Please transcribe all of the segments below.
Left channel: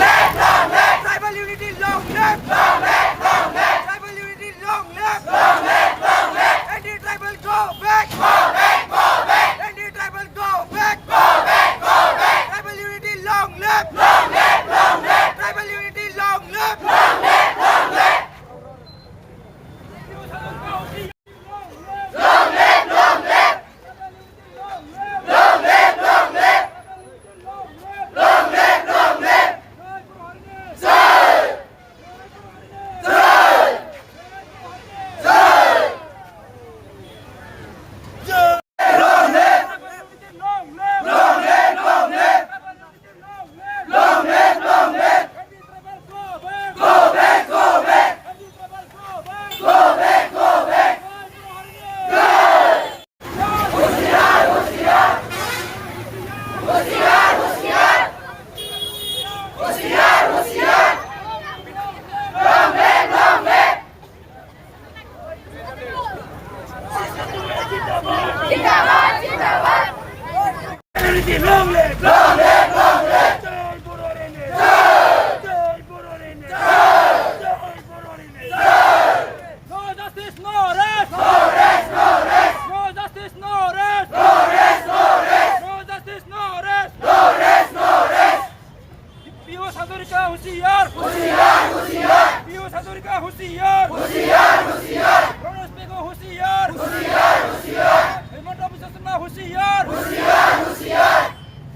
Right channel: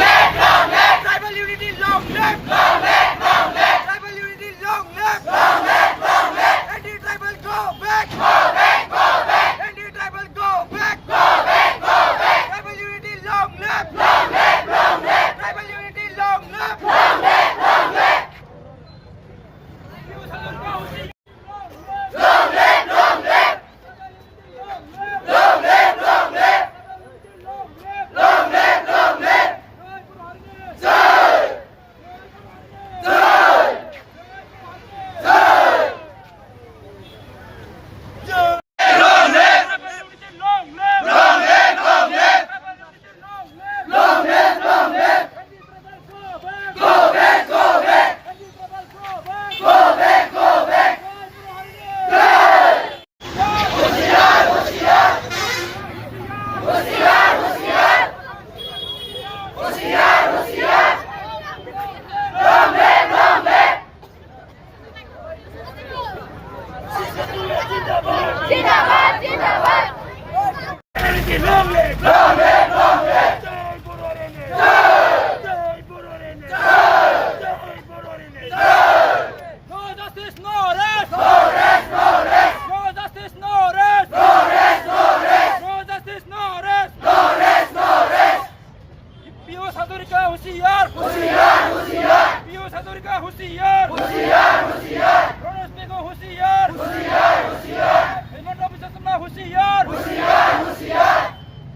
live! Long live! Tribal unity, long live! Long live! Long live! Tribal unity, long live! Long live! Long live! Anti-tribal, go back! Go back! Go back! Anti-tribal, go back! Go back! Go back! Tribal unity, long live! Long live! Long live! Tribal unity, long live! Long live! Long live! Long live! Long live! Long live! Long live! Long live! Long live! Jai! Jai! Jai! Long live! Long live! Long live! Long live! Long live! Long live! Go back! Go back! Go back! Go back! होशियार! होशियार! होशियार! होशियार! होशियार! होशियार! Long live! Long live! जिंदाबाद! जिंदाबाद! Long live! Long live! Long live! जय बोरारेने! जय बोरारेने! जय बोरारेने! No justice, no rest! No rest! No rest! No justice, no rest! No rest! No rest! No justice, no rest! No rest! No rest! Piyush Hazarika होशियार! होशियार! होशियार! पीयूष हजारिका होशियार! होशियार! होशियार! प्रणोस पेगो होशियार! होशियार! होशियार! हेमंत बिश्व शर्मा होशियार! होशियार! होशियार!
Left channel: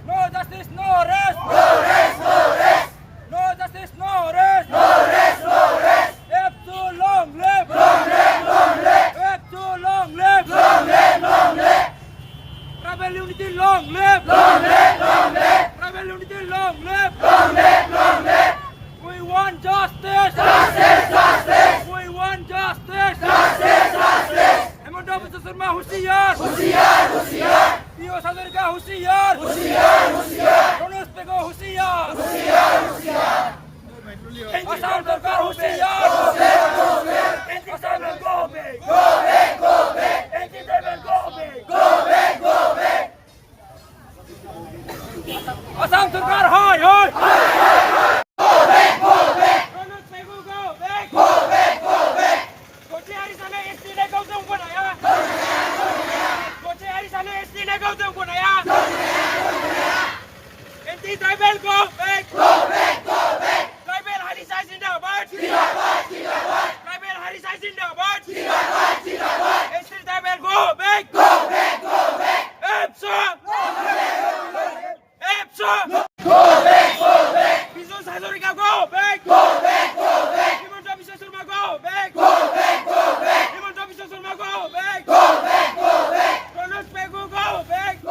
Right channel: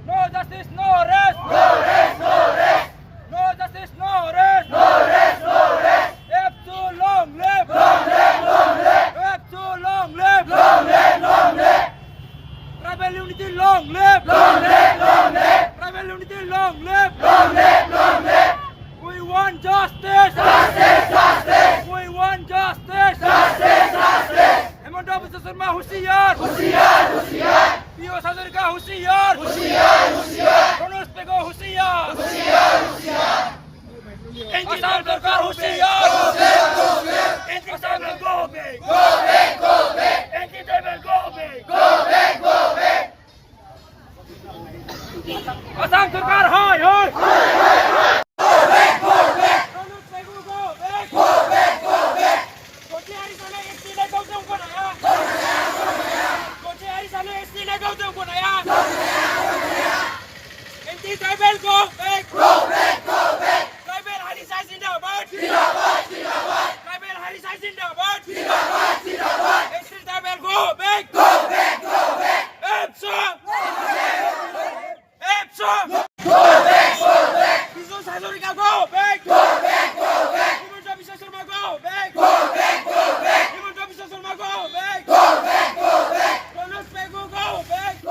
No justice, no rest! No rest! No rest! No justice, no rest! No rest! No rest! F2 long live! Long live! Long live! F2 long live! Long live! Long live! Tribal unity long live! Long live! Long live! Tribal unity long live! Long live! Long live! We want justice! Justice! Justice! We want justice! Justice! Justice! Hemant Biswa Sharma होशियार! होशियार! होशियार! पीयूष हजारिका होशियार! होशियार! होशियार! प्रणोस पेगो होशियार! होशियार! होशियार! असम सरकार होशियार! होशियार! होशियार! Assam go back! Go back! Go back! Anti-tribal go back! Go back! Go back! Assam सरकार हाय हाय! Go back! Go back! प्रणोस पेगो go back! Go back! Go back! कोचे हरिसाले एसटी ने गौतम को नया! कोचे हरिसाले एसटी ने गौतम को नया! Anti-tribal go back! Go back! Go back! Tribal Harisa Zindabad! Zindabad! Zindabad! Tribal Harisa Zindabad! Zindabad! Zindabad! Anti-tribal go back! Go back! Go back! EPSA! EPSA! Go back! Go back! Piyush Hazarika go back! Go